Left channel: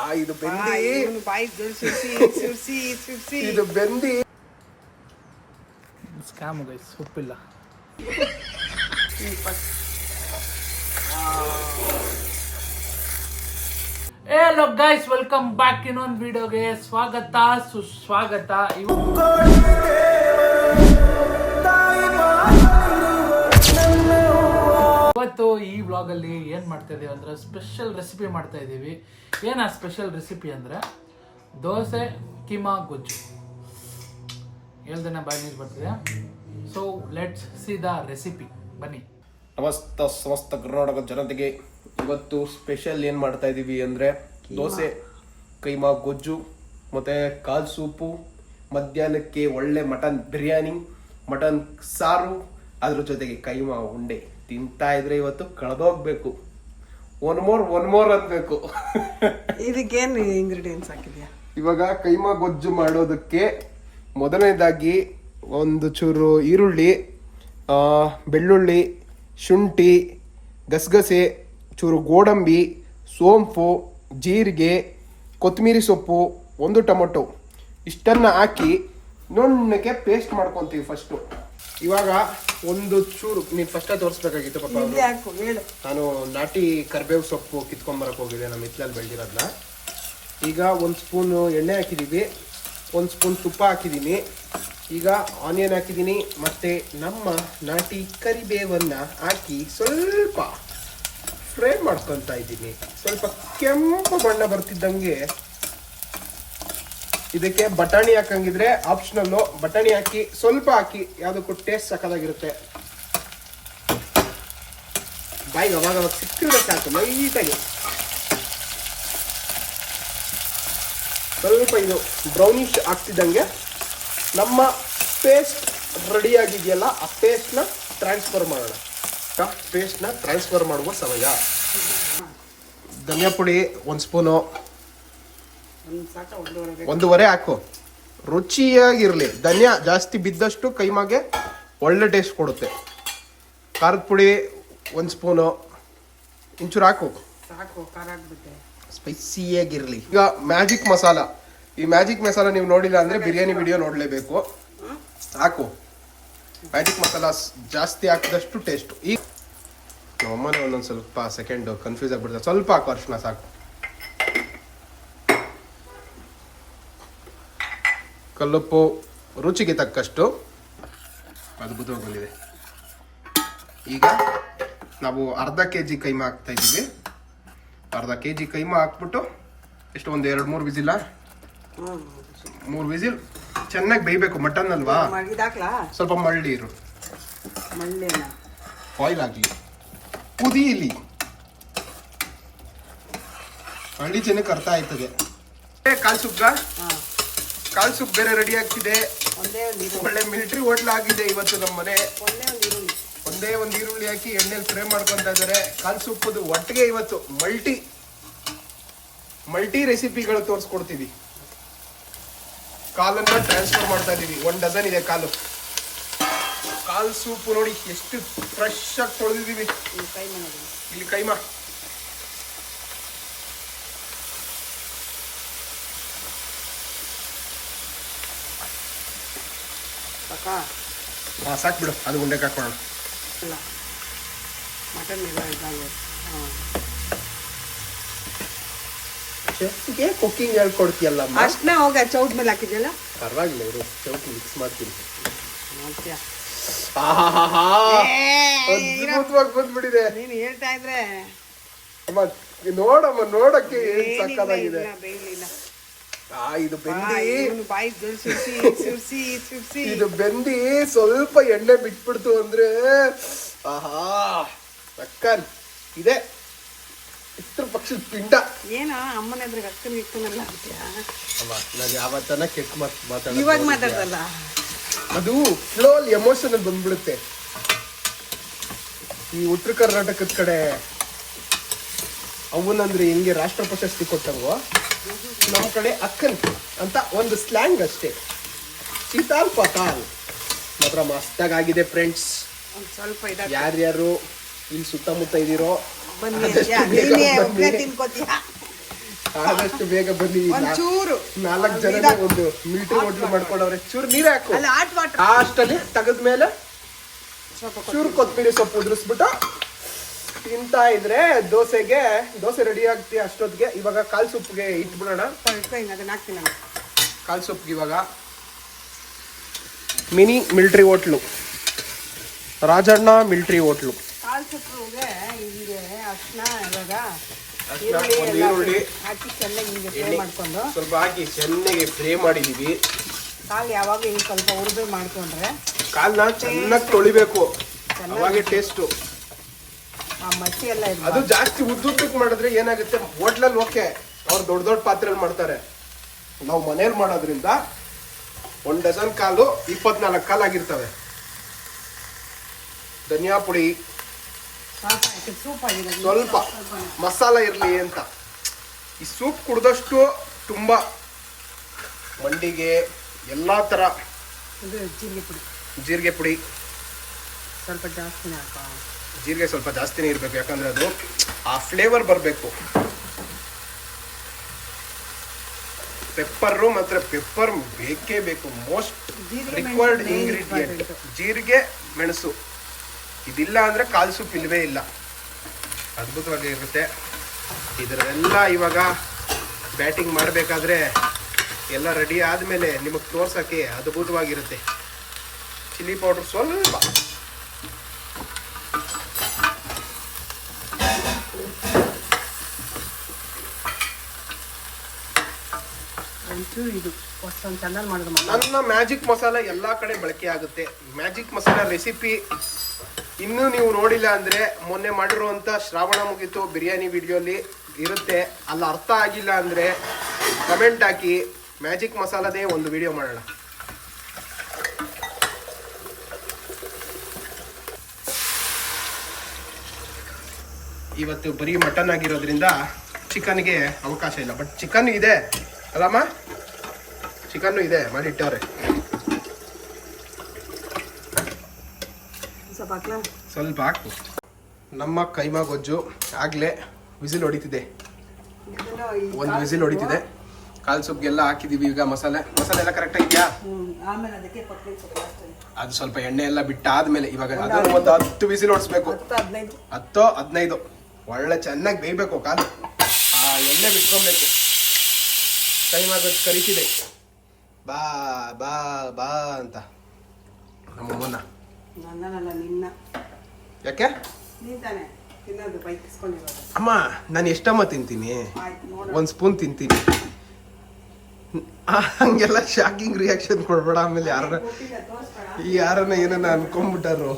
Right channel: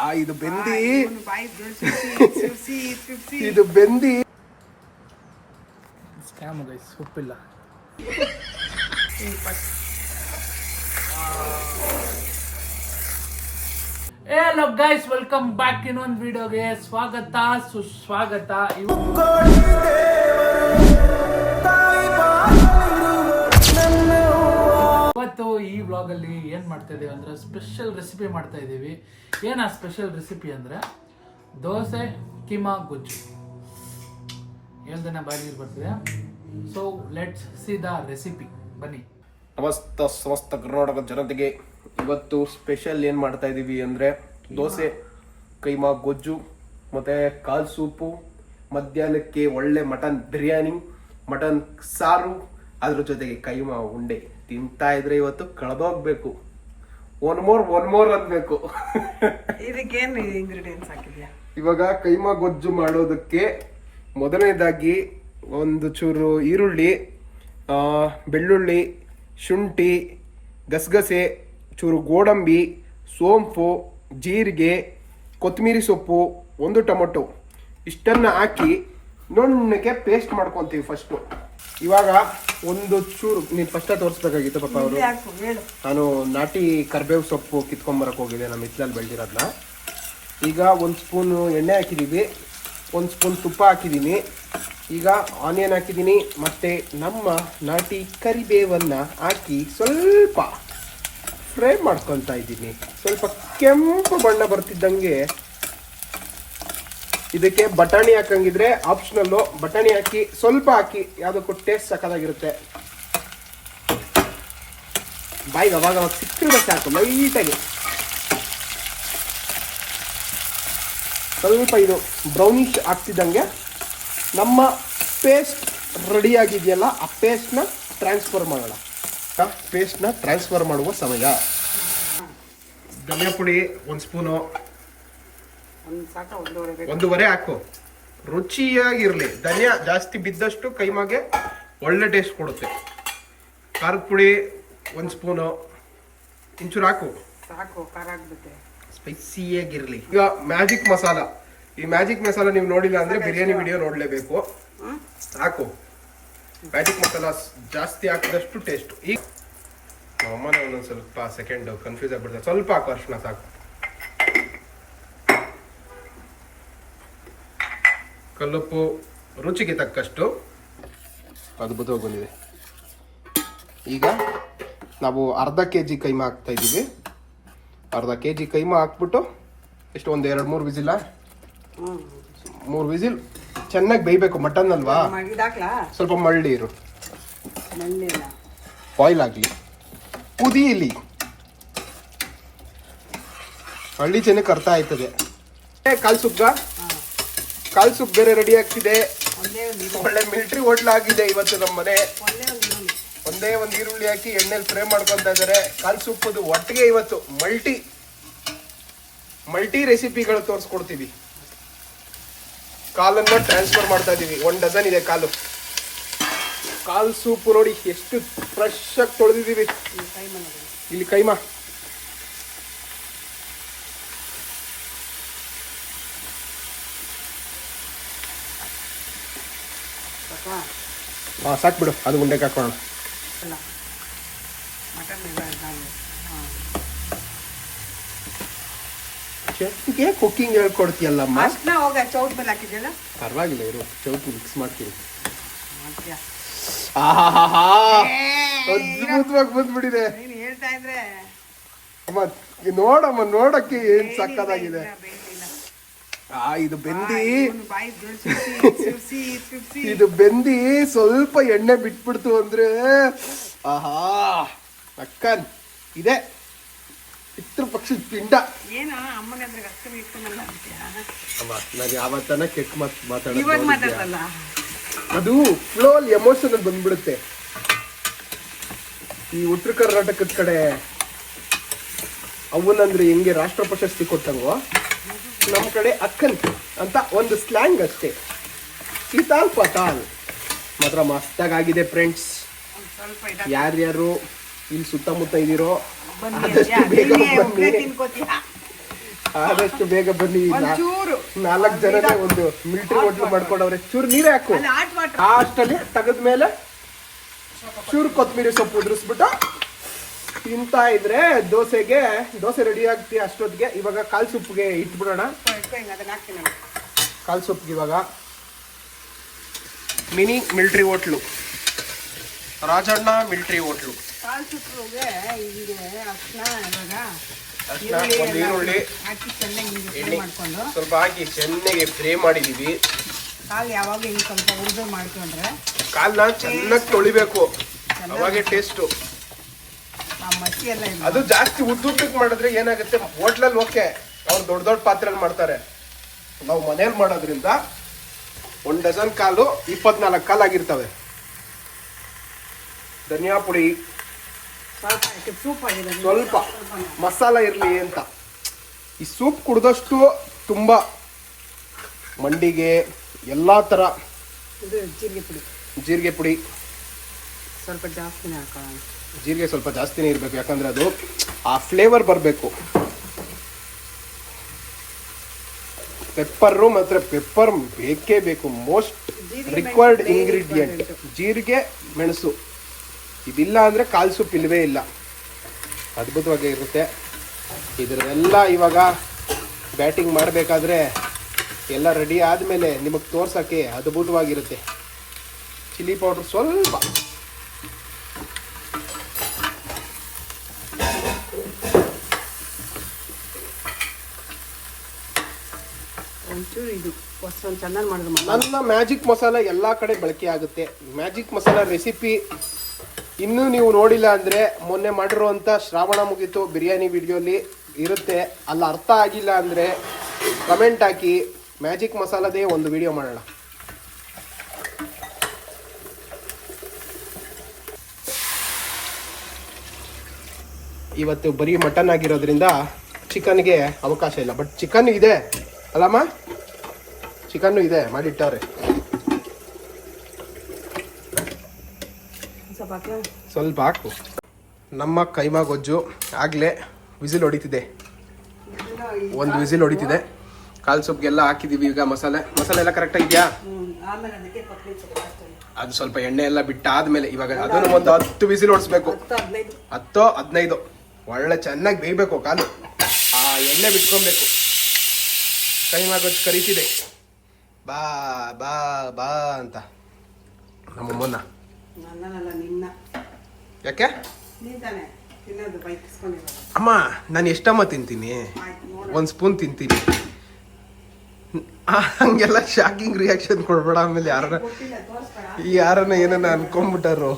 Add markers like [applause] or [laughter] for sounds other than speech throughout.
ಆ ಇದು ಬೆಂದಿ. ಇವನು ಬಾಯಿ ಸುರ್ಸಿ ಸುರ್ಸಿ ಸುರ್ಸಿ ಇದು ಬೆಂದಿ. ಸ್ಕ್ಯಾಮ್ ಗೈಸ್ ಉಪ್ಪಿಲ್ಲ. ಹಲೋ ಗೈಸ್ ವೆಲ್ಕಮ್ ಬ್ಯಾಕ್ ಇನ್ನೊಂದು ವಿಡಿಯೋಗೆ ಸ್ವಾಗತ ಸುಸ್ವಾಗತ ಇವ- ಈ ವ್ಲಾಗಲ್ಲಿ ಅಲ್ಲಿ ಏನ್ ಮಾಡ್ತಾ ಇದ್ದೀವಿ ಅಂದ್ರೆ ಸ್ಪೆಷಲ್ ರೆಸಿಪಿ ಮಾಡ್ತಾ ಇದ್ದೀವಿ ಏನು ಆ ಸ್ಪೆಷಲ್ ರೆಸಿಪಿ ಅಂದ್ರೆ ದೋಸೆ ಕಿಮಾ ಗೊಜ್ಜು. ಹೇಳ್ದೇನೆ ಬಾಯಿ ನೀರು ಬರ್ತಿದೆ. So let's see the recipe ಬನ್ನಿ. ನಮಸ್ತ ಸಮಸ್ತ ಕರ್ನಾಟಕ ಜನತೆಗೆ ಇವತ್ತು ಸ್ಪೆಷಲ್ ಏನು ಮಾಡ್ತಾ ಇದ್ದೀವಿ ಅಂದ್ರೆ ದೋಸೆ ಕೈಮಾ ಗೊಜ್ಜು ಮತ್ತೆ ಕಾಲ್ ಸೂಪು ಮಧ್ಯಾಹ್ನಕ್ಕೆ ಒಳ್ಳೆ ಮಟನ್ ಬಿರಿಯಾನಿ ಮಟನ್ ಸಾರು ಅದ್ರ ಜೊತೆಗೆ ಕೈಮಾ ಉಂಡೆ ತಿಂತಾ ಇದ್ರೆ ಇವತ್ತು ಕಳೆದೋಗ್ಬೇಕು ಒನ್ ಮೋರ್ ಒನ್ ಮೋರ್ ಅನ್ಬೇಕು ಇದಕ್ಕೇನು ಇಂಗ್ರೀಡಿಯೆಂಟ್ಸ್ ಹಾಕಿದ್ಯಾ? ಇವಾಗ ಕೈಮಾ ಗೊಜ್ಜು ಮಾಡೋದಕ್ಕೆ ಮೊದಲನೇದಾಗಿ ಒಂದು ಚೂರು ಈರುಳ್ಳಿ ಬೆಳ್ಳುಳ್ಳಿ ಶುಂಠಿ ಗಸಗಸೆ ಚೂರು ಗೋಡಂಬಿ ಸೋಂಪು ಜೀರಿಗೆ ಕೊತ್ತಂಬರಿ ಸೊಪ್ಪು ಒಂದು ಟೊಮೊಟೊ. ಇಷ್ಟನ್ನು ಹಾಕಿ ನುಣ್ಣಗೆ ಪೇಸ್ಟ್ ಮಾಡ್ಕೊತೀವಿ ಫಸ್ಟು ಇವಾಗ ಒಂದು ಚೂರು ನೀನು ಫಸ್ಟ್ ತೋರಿಸ್ಬೇಕಾಗಿತ್ತು ಪಾಪ ಅವರು. ಇಲ್ಲೇ ಹೇಳು. ನಾನು ನಾಟಿ ಕರ್ಬೇವು ಸೊಪ್ಪು ಕಿತ್ಕೊಂಬರಕ್ಕೆ ಹೋಗಿದ್ದೆ ನಮ್ಮ ಹಿತ್ಲಲ್ಲಿ ಬೆಳೆದಿರೋದನ್ನ ಈಗ ಒಂದು ಸ್ಪೂನು ಎಣ್ಣೆ ಹಾಕಿದ್ದೀವಿ ಒಂದು ಸ್ಪೂನ್ ತುಪ್ಪ ಹಾಕಿದ್ದೀನಿ ಈಗ ಆನಿಯನ್ ಹಾಕಿದ್ದೀನಿ ಮತ್ತು ನಮ್ಮ ನಾಟಿ ಕರಿಬೇವನ್ನು ಹಾಕಿ ಸ್ವಲ್ಪ ಫ್ರೈ ಮಾಡ್ಕೊತಾ ಇದ್ದೀನಿ ಸ್ವಲ್ಪ ಕೆಂಪು ಬಣ್ಣ ಬರ್ತಿದ್ದಂಗೆ ಇದಕ್ಕೆ ಬಟಾಣಿ ಹಾಕಂಗಿದ್ರೆ ಆಪ್ಷನಲ್ಲು ಬಟಾಣಿ ಹಾಕಿ ಸ್ವಲ್ಪ ಹಾಕಿ ಯಾವುದಕ್ಕೂ ಟೇಸ್ಟ್ ಸಕ್ಕದಾಗಿರುತ್ತೆ. ಬಾಯಿಗೆ ಅವಾಗ ಅವಾಗ ಸಿಕ್ಕಿದ್ರೆ ಸಾಕು ಲೈಟಾಗಿ ಸ್ವಲ್ಪ ಇದು ಬ್ರೌನಿಶ್ ಆಗ್ತಿದ್ದಂಗೆ ನಮ್ಮ ಪೇಸ್ಟ್ ರೆಡಿ ಆಗಿದೆಯಲ್ಲ ಆ ಪೇಸ್ಟ್ನ ಟ್ರಾನ್ಸ್ಫರ್ ಮಾಡೋಣ. ಪೇಸ್ಟ್ನ ಟ್ರಾನ್ಸ್ಫರ್ ಮಾಡುವ ಸಮಯ. ಧನಿಯಾ ಪುಡಿ ಒಂದು ಸ್ಪೂನು ಒಂದೂವರೆ ಹಾಕು. ರುಚಿಯಾಗಿರಲಿ ಧನಿಯಾ. ಜಾಸ್ತಿ ಬಿದ್ದಷ್ಟು ಕೈಮಾಗೆ ಒಳ್ಳೆ ಟೇಸ್ಟ್ ಕೊಡುತ್ತೆ. ಖಾರದ ಪುಡಿ ಒಂದು ಸ್ಪೂನು. ಇಂಚೂರು ಹಾಕು. ಸ್ಪೈಸಿಯಾಗಿರಲಿ. ಈಗ ಮ್ಯಾಜಿಕ್ ಮಸಾಲ. ಈ ಮ್ಯಾಜಿಕ್ ಮಸಾಲ ನೀವು ನೋಡಿಲ್ಲ ಅಂದ್ರೆ ಬಿರಿಯಾನಿ ವಿಡಿಯೋ ನೋಡಲೇಬೇಕು. ಹಾಕು. ಮ್ಯಾಜಿಕ್ ಮಸಾಲ ಜಾಸ್ತಿ ಹಾಕಿದಷ್ಟು ಟೇಸ್ಟ್ ಈಗ ನಮ್ಮನೆ ಒಂದೊಂದು ಸ್ವಲ್ಪ ಸೆಕೆಂಡ್ ಕನ್ಫ್ಯೂಸ್ ಆಗ್ಬಿಡ್ತಾರೆ ಸ್ವಲ್ಪ ಹಾಕು ಅರ್ಶಿನ ಸಾಕು. ಕಲ್ಲುಪ್ಪು ರುಚಿಗೆ ತಕ್ಕಷ್ಟು ಅದ್ಭುತವಾಗಿ ಬಂದಿದೆ ಈಗ ನಾವು ಅರ್ಧ ಕೆ ಜಿ ಕೈಮಾ ಹಾಕ್ತಾ ಇದ್ದೀವಿ. ಅರ್ಧ ಕೆ ಜಿ ಕೈಮಾ ಹಾಕ್ಬಿಟ್ಟು ಎಷ್ಟು ಒಂದು ಎರಡು ಮೂರು ವಿಸಿಲ್ಲ ಹ್ಞೂ ಮೂರು ವಿಸಿಲ್. ಚೆನ್ನಾಗಿ ಬೇಯಬೇಕು ಮಟನ್ ಅಲ್ವಾ? ಸ್ವಲ್ಪ ಮಳ್ಳಿ ಇರು. ಆಯಿಲ್ ಬಾಯ್ಲ್ ಆಗಲಿ. ಕುದಿಯಲಿ ಹಳ್ಳಿ ಜನಕ್ಕೆ ಅರ್ಥ ಆಯ್ತದೆ. ಕಾಲ್ ಹಾಂ. ಕಾಲ್ ಸೂಪ್ ಬೇರೆ ರೆಡಿ ಆಗ್ತಿದೆ. ಒಳ್ಳೆ ಮಿಲಿಟರಿ ಹೋಟ್ಲ್ ಆಗಿದೆ ಇವತ್ತು ನಮ್ಮ ಮನೆ ಒಂದೇ ಒಂದು ಈರುಳ್ಳಿ ಹಾಕಿ ಎಣ್ಣೆಲಿ ಫ್ರೈ ಮಾಡ್ಕೊಂತ ಇದ್ದಾರೆ. ಕಾಲ್ ಸುಪ್ಪದು ಒಟ್ಟಿಗೆ ಇವತ್ತು ಮಲ್ಟಿ ಮಲ್ಟಿ ರೆಸಿಪಿಗಳು ತೋರಿಸ್ಕೊಡ್ತೀವಿ. ಕಾಲನ್ನ ಟ್ರಾನ್ಸ್ಫರ್ ಮಾಡ್ತಾ ಇದೀವಿ. ಒನ್ ಡಜನ್ ಇದೆ ಕಾಲು. ಕಾಲ್ ಸೂಪ್ ನೋಡಿ ಎಷ್ಟು ಫ್ರೆಶ್ ಆಗಿ ತೊಳೆದಿದ್ದೀವಿ. ಇಲ್ಲಿ ಕೈಮಾ. ಹಾ ಸಾಕು ಬಿಡು. ಅದು ಉಂಡೆಗೆ ಹಾಕೋಣ. ಇಲ್ಲ ಮಟನ್ ಇಲ್ಲ ಚೆಫ್ಗೆ ಕುಕ್ಕಿಂಗ್ ಹೇಳ್ಕೊಡ್ತೀಯಲ್ಲ ಅಷ್ಟೇ ಅವಾಗ ಚೌಟ್ ಮೇಲೆ ಹಾಕಿದ್ಯಲ್ಲ? ಪರವಾಗಿಲ್ಲ ಇವರು ಚೌಟ್ ಮಿಕ್ಸ್ ಮಾಡ್ತೀವಿ. ಅದ್ಭುತವಾಗಿ ಬಂದ್ಬಿಟ್ಟಿದೆ. ನೀನು ಹೇಳ್ತಾ ಇದ್ರೆ. ನೋಡಮ್ಮ ನೋಡಕ್ಕೆ ಏನ್ ಸಕ್ಕತ್ತಾಗಿದೆ. ಆ ಇದು ಬೆಂದಿ. ಇವನು ಬಾಯಿ ಸುರ್ಸಿ ಸುರ್ಸಿ ಸುರ್ಸಿ. ಇದು ಬೆಂದಿ. ಸ್ವಲ್ಪ ಎಣ್ಣೆ ಬಿಟ್ಬಿಡ್ತು ಅಂದ್ರೆ ಆಹಾ ಅಕ್ಕನ್ ಇದೆ. ಇತ್ರ ಪಕ್ಷದ ಪಿಂಡ. ಏನ ಅಮ್ಮನ ಎದುರಿಗೆ ಅಕ್ಕನ ಇಕ್ಕನಲ್ಲ ಅಮ್ಮ ನಾನು ಯಾವತ್ತನ ಕೆಟ್ಟ ಮಾತು ಇವಾಗ ಮಾತಾಡಲ್ಲ ಅದು ಫ್ಲೋಲ್ ಅಲ್ಲಿ ಎಮೋಷನ್ ಬಂದ್ಬಿಡುತ್ತೆ. ಈ ಉತ್ತರ ಕರ್ನಾಟಕದ ಕಡೆ ಅವನಂದ್ರೆ ಹೆಂಗೆ ರಾಷ್ಟ್ರ ಪ್ರಶಸ್ತಿ ಕೊಟ್ಟಂಗೋ? ನಮ್ಮ ಕಡೆ ಅಕ್ಕನ್ ಅಂತ ಒಂದು ಸ್ಲ್ಯಾಂಗ್ ಅಷ್ಟೇ. ಸೀತಾಲ್ ಪತಾಲ್ ಮಾತ್ರ ಮಸ್ತಾಗಿದೆ ಫ್ರೆಂಡ್ಸ್ ಯಾರ್ಯಾರು ಇಲ್ಲಿ ಸುತ್ತಮುತ್ತ ಇದ್ದೀರೋ ಆದಷ್ಟು. ಬೇಗ ಬನ್ನಿ. ನಾಲ್ಕು ಜನ ಒಂದು ಮಿಲ್ಟ್ರಿ ಹೋಟ್ಲು ಮಾಡ್ಕೊಂಡವ್ರೆ. ಚೂರು ನೀರು ಹಾಕು. ಅಷ್ಟಲ್ಲಿ ತೆಗೆದ್ಮೇಲೆ ಚೂರು ಕೊತ್ತಂಬರಿ ಸೊಪ್ಪು ಉದುರಿಸ್ಬಿಟ್ಟು ತಿಂತಾ ಇದ್ರೆ ದೋಸೆಗೆ ದೋಸೆ ರೆಡಿ ಆಗ್ತಿ ಅಷ್ಟೊತ್ತಿಗೆ ಇವಾಗ ಕಾಲ್ ಸೊಪ್ಪಿಗೆ ಇಟ್ಬಿಡೋಣ. ಕಾಲ್ ಸೊಪ್ಪಿಗೆ ಇವಾಗ. Mini military hotel. Rajanna military hotel. ಕಾಲ್ ಸುತ್ತಲುಗೆ ಹಿಂಗೆ ಅರ್ಶಿನ ಇವಾಗ ಒಂದು ಈರುಳ್ಳಿ. ಹಾಕಿ ಚೆನ್ನಾಗಿ ಫ್ರೈ. ಮಾಡ್ಕೊಂಡು. ಸ್ವಲ್ಪ ಹಾಕಿ ಚೆನ್ನಾಗಿ ಫ್ರೈ ಮಾಡಿದೀವಿ. ಕಾಲು ಯಾವಾಗ ಹಿಂಗೆ ಸ್ವಲ್ಪ ಉರಿದು ಮಾಡ್ಕೊಂಡ್ರೆ ಕಾಲ್ನ ಚೆನ್ನಾಗಿ ತೊಳಿಬೇಕು. ಅವಾಗೆ ಟೇಸ್ಟು ಅದು ಜಾಸ್ತಿ ಉದ್ದುದ್ದಕ್ಕೆ ಮಾಡಿದ್ರೆ ಏನಾಗುತ್ತೆ? ಹೋಟ್ಲಲ್ಲಿ ಓಕೆ ಅವ್ರು ದೊಡ್ಡ ದೊಡ್ಡ ಪಾತ್ರೆಯಲ್ಲಿ ಮಾಡ್ತಾರೆ. ನಾವು ಮನೇಲಿ ಮಾಡೋದ್ರಿಂದ ಒಂದು ಡಜನ್ ಕಾಲು ಇಪ್ಪತ್ನಾಲ್ಕು ಕಾಲು ಆಗಿರ್ತವೆ. ಧನಿಯಾ ಪುಡಿ. ಸ್ವಲ್ಪ ಸೂಪ್ ಆಗಿದೆ ಸ್ವಲ್ಪ. ಮಸಾಲ ಇರಲಿ ಅಂತ. ಈ ಸೂಪ್ ಕುಡ್ದಷ್ಟು ತುಂಬ ಮಂಡಿಗೆ ಎಲ್ಲ ಥರ ಜೀರಿಗೆ ಪುಡಿ. ಜೀರಿಗೆ ಪುಡಿ. ಸ್ವಲ್ಪ ಹಾಕೋಣ. ಜೀರಿಗೆ ಸ್ವಲ್ಪ ಜಾಸ್ತಿನೇ ಇರಬೇಕು ಯಾಕಂದ್ರೆ ಅದು ಆ ಫ್ಲೇವರ್ ಬರಬೇಕು. ಪೆಪ್ಪರು ಮಾತ್ರ ಪೆಪ್ಪರ್ ಬೇಕೇ ಬೇಕು. ಮೋಸ್ಟ್ ರಿಕ್ವೈರ್ಡ್ ಇಂಗ್ರೀಡಿಯೆಂಟ್ ಜೀರಿಗೆ ಮೆಣಸು. ಇದಿಲ್ಲ ಅಂದರೆ ಕಾಲು ಸೂಪ್ ಇಲ್ಲವೇ ಇಲ್ಲ. ಅದ್ಭುತವಾಗಿ ಇರುತ್ತೆ. ಇದರೆಲ್ಲ ಇವಾಗ ಬ್ಯಾಟಿಂಗ್ ಮಾಡಬೇಕಾದ್ರೆ ಎಲ್ಲ ರೆಡಿ ಆದಮೇಲೆ ನಿಮಗೆ ತೋರ್ಸೋಕ್ಕೆ ಅದ್ಭುತವಾಗಿರುತ್ತೆ. ಚಿಲ್ಲಿ ಪೌಡ್ರ್ ಸ್ವಲ್ಪ. ನನ್ನ ಮ್ಯಾಜಿಕ್ ಮಸಾಲ ಎಲ್ಲ ಕಡೆ ಬಳಕೆ ಆಗುತ್ತೆ. ಮ್ಯಾಜಿಕ್ ಮಸಾಲ ರೆಸಿಪಿ ಇನ್ನೂ ನೀವು ನೋಡಿಲ್ಲ ಅಂದರೆ ಮೊನ್ನೆ ಮಾಡಿರುವಂಥ ಶ್ರಾವಣ ಮುಗೀತು, ಬಿರಿಯಾನಿ ವಿಡಿಯೋಲಿ ಇರುತ್ತೆ. ಅಲ್ಲಿ ಅರ್ಥ ಆಗಿಲ್ಲ ಅಂದರೆ ಕಮೆಂಟ್ ಹಾಕಿ, ಮ್ಯಾಜಿಕ್ ಮಸಾಲದೇ ಒಂದು ವಿಡಿಯೋ ಮಾಡೋಣ. ಇವತ್ತು ಬರೀ ಮಟನ್ ಆಗಿರೋದ್ರಿಂದ ಚಿಕನ್ಗೆ ಅವಕಾಶ ಇಲ್ಲ. ಬಟ್ ಚಿಕನ್ ಇದೆ, ಅಲ್ಲಮ್ಮ? ಚಿಕನ್ನು ಇದೆ ಮಾಡಿಟ್ಟವ್ರೆ ಸ್ವಲ್ಪ ಹಾಕು. ನಮ್ಮ ಕೈಮಾ ಗೊಜ್ಜು ಆಗಲೇ ವಿಸಿಲ್ ಹೊಡಿತಿದೆ. ಒಂದು ವಿಸಿಲ್ ಹೊಡಿತಿದೆ. ಕಾಲು ಸೊಪ್ಪಿಗೆಲ್ಲ ಹಾಕಿದೀವಿ ಈಗ ಮಸಾಲೆ. ಮಸಾಲೆ ಎಲ್ಲ ಕರೆಕ್ಟ್ ಇದೆಯಾ. ಅದು ಸ್ವಲ್ಪ ಎಣ್ಣೆ ಎಲ್ಲ ಬಿಟ್ಟಾದ್ಮೇಲೆ ಇವಾಗ ಅದನ್ನು ಒಂದು ಹತ್ತು ವಿಸಿಲ್ ಹೊಡಿಸ್ಬೇಕು. ಹತ್ತೋ ಹದಿನೈದು. ಹತ್ತು ಹದಿನೈದು. ಒಳ್ಳೆ ಚೆನ್ನಾಗಿ ಬೇಯಬೇಕು ಕಾಲು. ಆ ಎಣ್ಣೆ ಬಿಟ್ಕೊಬೇಕು ಕೈಮಾ ಗೊಜ್ಜು ಕರಿತಿದೆ. ಬಾ ಬಾ ಬಾ ಅಂತ. ನಮ್ಮಮ್ಮನ ನನ್ನಲ್ಲ ನಿನ್ನ. ಯಾಕೆ? ಅಮ್ಮ ನಾನು ಎಷ್ಟಮ್ಮ ತಿಂತೀನಿ? ಆಯ್ತು ನೋಡ. ಒಂದು ಸ್ಪೂನ್ ತಿಂತೀನಿ. ಹಂಗೆಲ್ಲ ಶಾಕಿಂಗ್ ರಿಯಾಕ್ಷನ್ ಕೊಡ್ಬೇಡ ಆಮೇಲೆ ಯಾರನ್ನ ಗೊತ್ತಿಲ್ಲ ತೋರಿಸ್ಬೇಡ. ಯಾರನ್ನ ಏನನ್ನ ಅನ್ಕೊಂಡ್ಬಿಟ್ಟಾರು.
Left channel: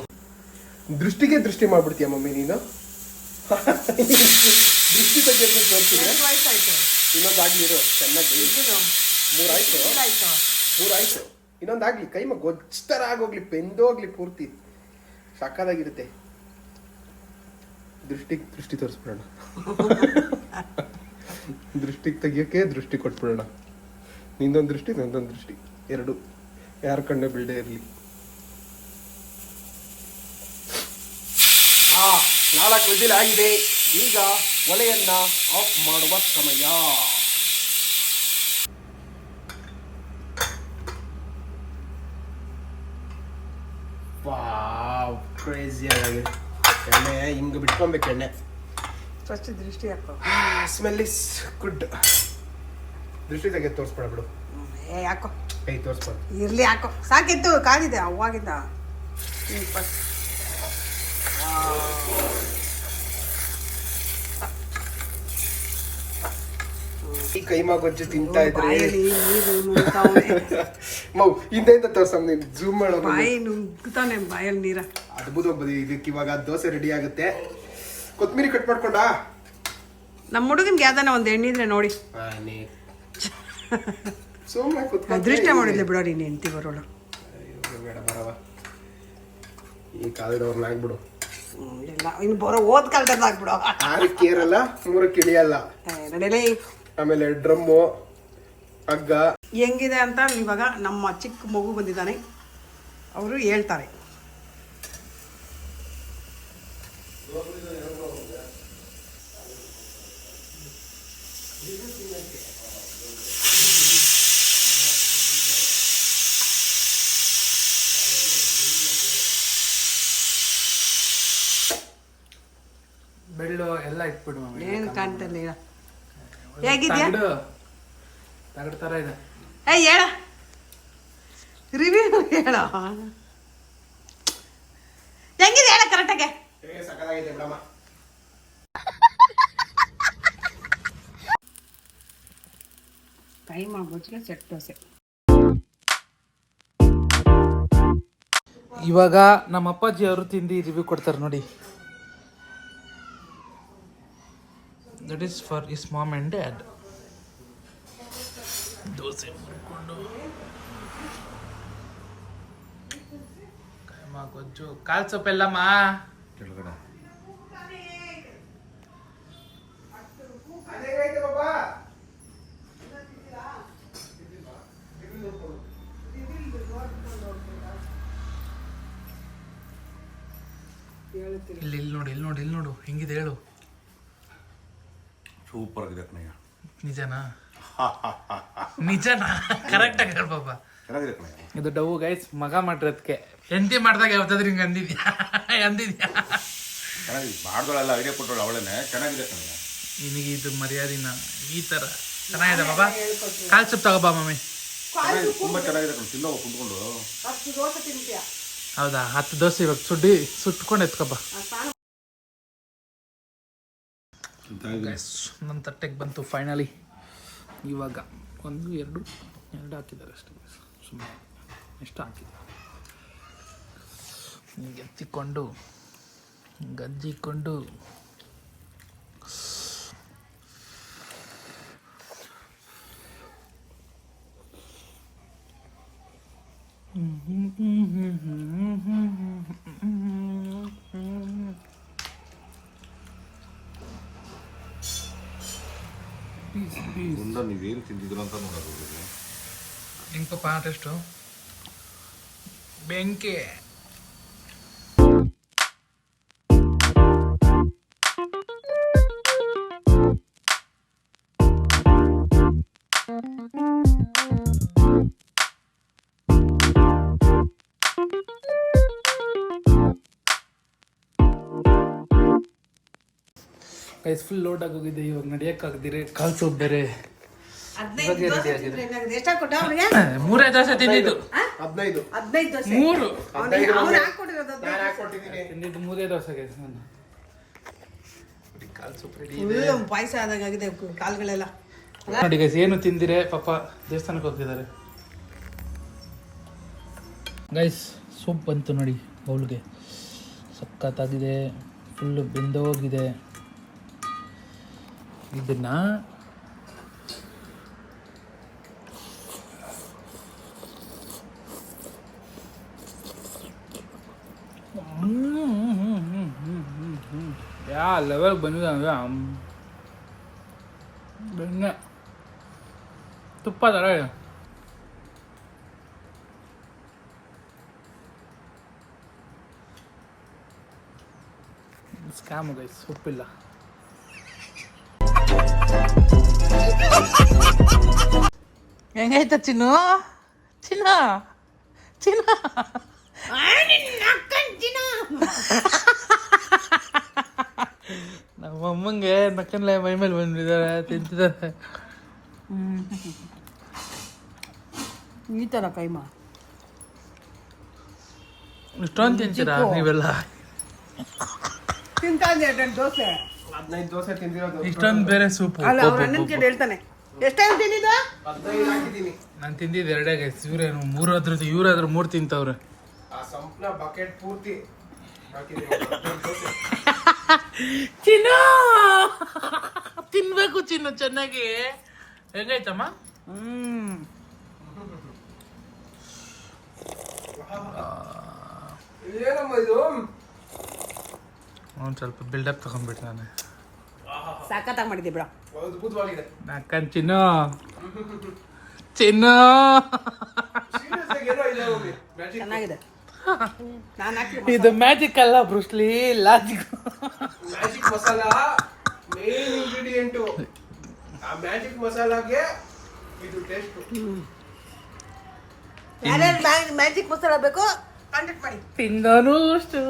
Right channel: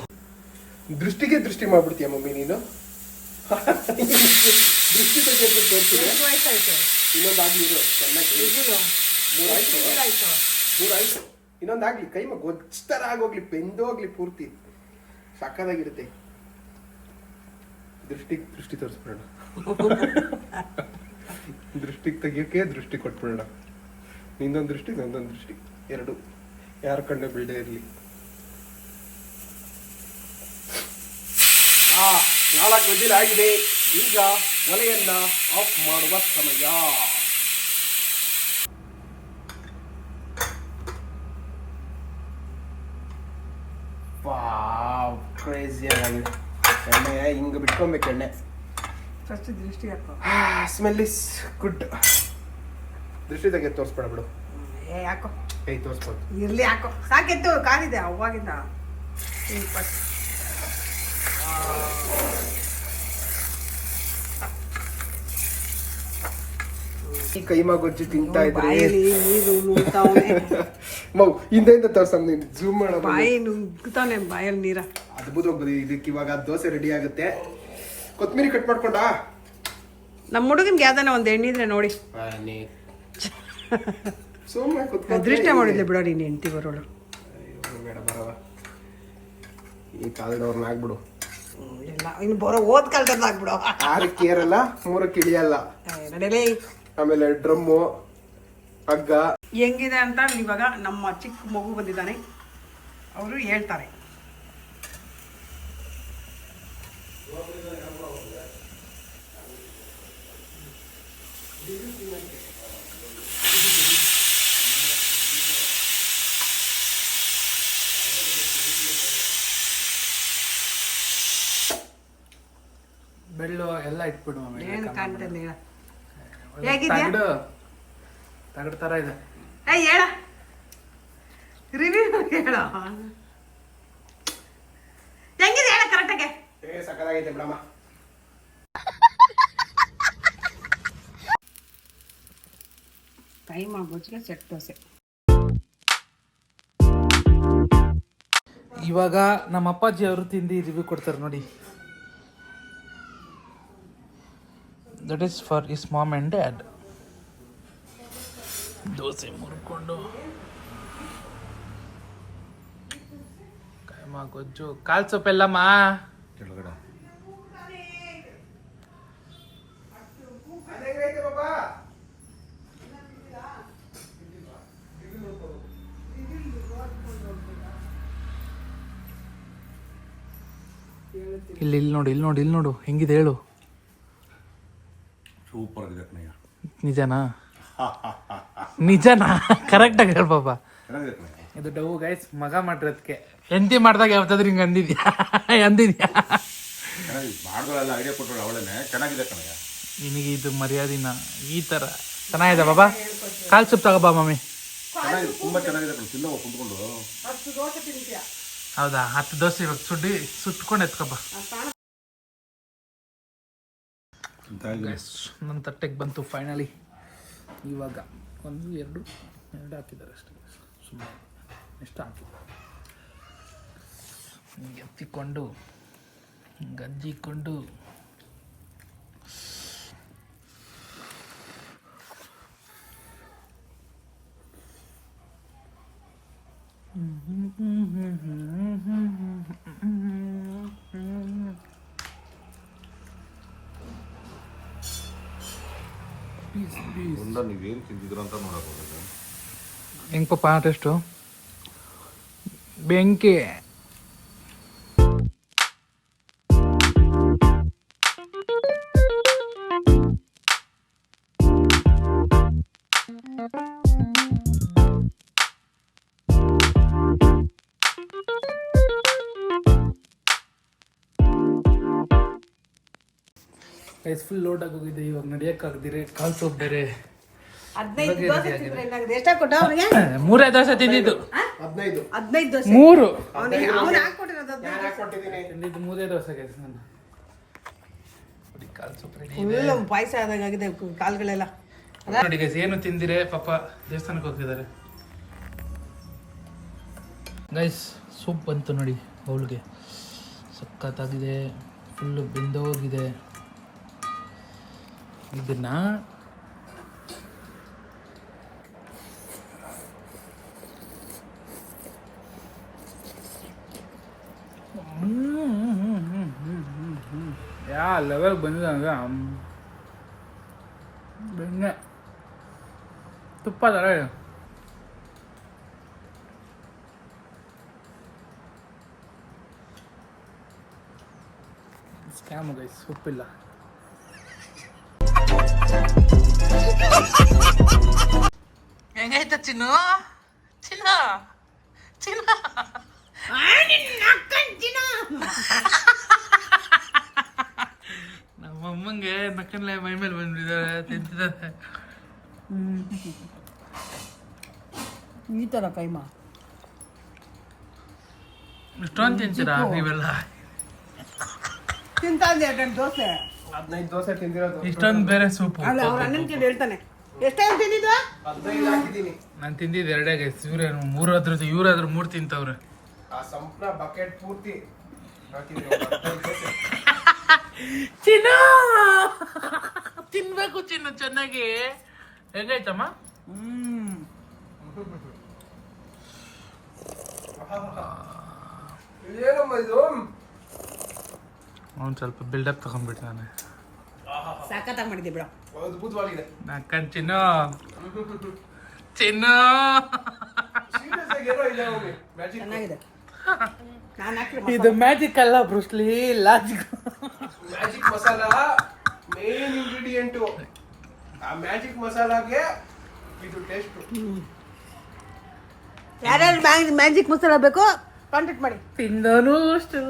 ದೃಷ್ಟಿಗೆ ದೃಷ್ಟಿ ಮಾಡ್ಬಿಡ್ತೀಯ ಮಮ್ಮಿ ನೀನು? [laughs] ದೃಷ್ಟಿ ವಯಸ್ಸಾಯ್ತು. ಇರು ಚೆನ್ನಾಗಿ ಮೂರಾಯ್ತು ಆಯ್ತು. ಮೂರಾಯ್ತು ಇನ್ನೊಂದಾಗ್ಲಿ ಕೈಮ ಗೊಜ್ತರ ಆಗೋಗ್ಲಿ ಬೆಂದೋಗ್ಲಿ ಪೂರ್ತಿ. ಸಕ್ಕದಾಗಿರುತ್ತೆ ದೃಷ್ಟಿ ದೃಷ್ಟಿ ತೋರಿಸ್ಬಿಡೋಣ. [laughs] ದೃಷ್ಟಿಗೆ ತೆಗಿಯೋಕೆ ದೃಷ್ಟಿ ಕೊಟ್ಬಿಡೋಣ. ನಿಂದೊಂದು ದೃಷ್ಟಿ ನಂದೊಂದು ದೃಷ್ಟಿ. ಎರಡು. ಯಾರ ಕಣ್ಣೆ ಬಿಡದೆ ಇರಲಿ. ನಾಲ್ಕು ವಿಜಿಲ್ ಆಗಿದೆ. ಈಗ ಒಲೆಯನ್ನ ಆಫ್ ಮಾಡುವ ಸಮಯ ವಾವ್ ಕ್ರೇಜಿ ಆಗಿದೆ ಎಣ್ಣೆ ಹಿಂಗೆ ಬಿಟ್ಕೊಬೇಕು ಎಣ್ಣೆ. ಫಸ್ಟ್ ದೃಷ್ಟಿ ಹಾಕೋ. ಸ್ಮೆಲ್ ಇಸ್ ಗುಡ್ ದೃಷ್ಟಿ ತೆಗೆ ತೋರಿಸ್ಬೇಡ ಬಿಡು. ಏ ಯಾಕೋ ಕೈ ತೋರಿಸ್ಬೋದು ಇರಲಿ ಯಾಕೋ ಸಾಕಿತ್ತು ಕಾಲಿದೆ ಅವಾಗಿಂದ. ಫಸ್ಟ್. ಕೈಮಾ ಗೊಜ್ಜು ತಿಂತಾ ಇದ್ರೆ ಮೌ ಹಿಂದೆಯಿಂದ ತೋರ್ಸಮ್ ನೀನು. ಝೂಮ್ ಮಾಡೋ ಬಾಯಿ ನುಗ್ತಾನೆ ಬಾಯಲ್ಲಿ ನೀರ. ಅದ್ಭುತವಾಗಿ ಬದಿ ಇದಕ್ಕೆ ಇವಾಗ ದೋಸೆ ರೆಡಿ ಆಗುತ್ತೆ. ಕೊತ್ತಂಬರಿ ಕಟ್ ಮಾಡ್ಕೊಂಡಾ ನಮ್ಮ ಹುಡುಗನ್ಗೆ ಯಾವ್ದಾನ ಒಂದು ಎಣ್ಣಿದ್ರೆ ನೋಡಿ. ಅದೃಷ್ಟ ಮಾಡಿದ್ಲೆ ಬಿಡೋ ನೀನು ಹೆಂಡ್ತಿ ಬರೋಳು. ಬೇಡ ಬರವ. ಈ ಕಾಲದವ್ರನ್ನ ಆಗ್ಬಿಡು. ಇಲ್ಲ. ಇನ್ನು ಬರೋ ಓದ್ ಕಾಲದಲ್ಲಿ ಆಗ್ಬಿಡೋ. ಆರಕ್ಕೆ ಏರಲ್ಲ ಮೂರಕ್ಕೆ ಇಳಿಯಲ್ಲ. ನಡೀಲಿ. ಆಮೇಲೆ ಡ್ರಮ್ಮು ಹಗ್ಗ. ಹೆಂಗಿದೆ ಅಂತ ಇವಾಗ ನಮ್ಮ ಚಿಕ್ಕ ಮಗು ಬಂದಿದ್ದಾನೆ. ಅವರು ಹೇಳ್ತಾರೆ. ಬೆಳ್ಳು ಎಲ್ಲ ಇಟ್ಬಿಡು ಏನು ಕಾಣ್ತಿರ್ಲಿಲ್ಲ ಹೇಗಿದ್ಯಾ? ತಗಡು. ತರ ಇದೆ. ಏಯ್ ಹೇಳ. ರಿವ್ಯೂ ಹೇಳ. ಹೆಂಗಿದೆ ಹೇಳ ಕರೆಕ್ಟಾಗೆ ಏ ಸಕ್ಕದಾಗೈತೆ ಬಿಡಮ್ಮ ಕೈ ಮಾಡ್ಬೋದು ಸೆಟ್ ದೋಸೆ. ಇವಾಗ ನಮ್ಮ ಅಪ್ಪಾಜಿ ಅವರು ತಿಂದು ರಿವ್ಯೂ ಕೊಡ್ತಾರೆ ನೋಡಿ. That is for is mom and dad dosa ಮುರ್ಕೊಂಡು. Keema ಗೊಜ್ಜು. ಕಾಲ್ ಸೊಪ್ಪೆಲ್ಲಮ್ಮ ಕೆಳಗಡೆ. ಇಲ್ಲಿ ಇಲ್ಲಿ ನೋಡು ಇಲ್ಲಿ ನೋಡು ಇಲ್ಲಿ ನೋಡು. ಹೆಂಗಿದೆ ಹೇಳು. ಸೂಪರ್ ಆಗಿದೆ ಕಣಯ್ಯ. ನಿಜನಾ? [laughs] ನಿಜನಾ? ಕರೆಕ್ಟಾಗಿ ಹೇಳ ಪಾಪ. ಚೆನ್ನಾಗಿದೆ ಕಣಯ್ಯ. ಇದು ಡವ್ ಗೈಸ್ ಮಗ ಮಾಡಿರೋದಕ್ಕೆ ಹೆಂಡತಿ ಮಾಡಿದಾಗ ಯಾವತ್ತಾದ್ರೂ ಹಿಂಗೆ ಅಂದಿದ್ಯಾ? ಅಂದಿದ್ಯಾ? ಚೆನ್ನಾಗಿದೆ. ಮಾಡ್ದಳೆಲ್ಲ ಐಡಿಯಾ ಕೊಟ್ಟಳು ಅವಳೇನೆ. ಚೆನ್ನಾಗಿದೆ ಕಣಯ್ಯ. ನಿನಗೆ ಇದು ಮರ್ಯಾದಿನ? ಈ ಥರ ಚೆನ್ನಾಗಿದೆ ಬಾಬಾ ಕಾಲು ಸೊಪ್ಪು ತಗೋಬಾ ಮಮ್ಮಿ ಚೆನ್ನಾಗಿದೆ. ತುಂಬ ಚೆನ್ನಾಗಿದೆ ಕಣ ತಿನ್ನೋ ಕುಂತ್ಕೊಂಡು. ಅಷ್ಟು ದೋಸೆ ತಿಂತೀಯ? ಹೌದಾ? ಹತ್ತು ದೋಸೆ ಇವಾಗ ಸುಡ್ಡಿ ಸುಟ್ಕೊಂಡು ಎತ್ಕೊಬಾ ನನ್ನ ತಟ್ಟೆಗೆ ಬಂತು ಫೈನಲಿ ಇವಾಗ ಒಂದು, ಎರಡು ಎರಡು ಹಾಕಿದ್ದಾರೆ ಅಷ್ಟೇ ಸುಮ್ಮನೆ ಎಷ್ಟು ಹಾಕಿದ್ದಾರೆ ಎತ್ತಿಕೊಂಡು, ಗಂಜಿಕೊಂಡು ಹೆಂಗ್ ಪಾಪ ಟೆಸ್ಟು ಬೆಂಕಿ ಗೈಸ್ ಫುಲ್ ಲೋಡ್ ಆಗೋಗಿದೆ ಇವಾಗ ನಡೆಯೋಕ್ಕಾಗದಿರೆ ಕಾಲು ಸೂಪ್ ಬೇರೆ. ಮೂರೇ ದೋಸೆ ತಿಂದಿದ್ದು. ಹದಿನೈದು. ಹದಿನೈದು ದೋಸೆ. ಮೂರು. ಅವನು ಹಾಕೊಟ್ಟಿರೋದು ತಿಂದಿದ್ದು ಮೂರೇ ದೋಸೆಗೆ ನಾನು. ಪಾಯಸ ಆದಾಗಿದೆ ಕಾಲುಗಳೆಲ್ಲ. ನೋಡಿ ಗೈಸ್ ಏನು ತಿಂದಿರೆ ಪಾಪ ದೇವಸ್ಥಾನಕ್ಕೆ ಹೋಗ್ತಿದ್ದಾರೆ. ಗೈಸ್ ಸೂಪ್ ಬಂತು ನೋಡಿ ಬೌಲ್ಗೆ. ಸಖತ್ತಾಗಿದೆ ಫುಲ್ಲು ಬೆಂದೋಗಿದೆ. ಇದನ್ನ ಯಾ ಲೆವೆಲ್ ಬಂದಿದೆ ಅಂದರೆ ಬೆಣ್ಣೆ ತುಪ್ಪ ಥರ ಇದೆ ಸ್ಕ್ಯಾಮ್ ಗೈಸ್ ಉಪ್ಪಿಲ್ಲ ಹೆಂಗೈತ ಚಿನ್ನು ಚಿನ್ನ ಚಿನ್ನ ನಮ್ಮ ಅಮ್ಮಂಗೆ ನಕ್ಕನ್ಲೆ ಮೈ ಮೇಲೆ ಬಂದ್ಬಿಟ್ಟಿದ್ದಾರೆ ತಿಂತಿದ್ದಾರೆ. ಈ ಥರ ಕೈಮಾ? ಇಷ್ಟೊಂದು ತಿಂತೀರಾ ನೀವೆಲ್ಲ? ತಿಂತಾ ಇದ್ದೆ ದೋಸೆ? ಹದಿನೈದು ದೋಸೆ ತಿಂದಿರೋದು ಇಷ್ಟೊಂದು ಬೇರೆ ಸೂಪ್. ಅಲ್ಲ ಅವ್ರ ಅಣ್ಣನ ಕೇಳಿ ಹೇಳ್ತಾನೆ. ಎಷ್ಟೇನು ತಿಂದಿದ್ದು? ನಾನು ತಿಂದಿದ್ದು ಎರಡೇ ಗೈಸ್ ಇವ್ರೇನು ಮೂರಾದ್ರೂ ಇವ್ರಾದ್ರೂ ಮೂರು ತಿಂತವ್ರೆ. ಆ ಸಂಪೂರ್ಣ ಬಕೆಟ್ ಪೂರ್ತಿ ಚಿನ್ನ ತಿನ್ಬೇಕು ಚಿನ್ನ ಚೆನ್ನಾಗಿ. ಹೆಂಗಾಯ್ತಮ್ಮ? ಹ್ಮ್. ಏನಮ್ಮ ಇದು? ಅವ್ನು ಸ್ವಲ್ಪ ಬಿಲ್ಡಪ್ ತಗೊಂಡ್ಬಿಟ್ಟು ನಾನು. ಸಾಕತ್ತಾಗಿ ಮಾಡಿದ್ದೆ ಬಿಡ. ಅದ್ಭುತವಾಗಿದೆ ನಾಕನ್ ಚಿನ್ನ ಚಿನ್ನ ಚೆನ್ನಾಗಿದೆ. ಇದು ಮ್ಯಾಜಿಕ್ ಅಲ್ಲ Bruce Lee logic. Magic masala main ingredient ಆ ಮ್ಯಾಜಿಕ್ ಮಸಾಲಾಗೆ ಇದು ಟೇಸ್ಟ್ ಯಾರ್ಯಾರು ಮ್ಯಾಜಿಕ್ ಮಸಾಲ ಬೇಕು ಕಾಂಟ್ಯಾಕ್ಟ್ ಮಾಡಿ. ತಿಂದನು ಅಷ್ಟು.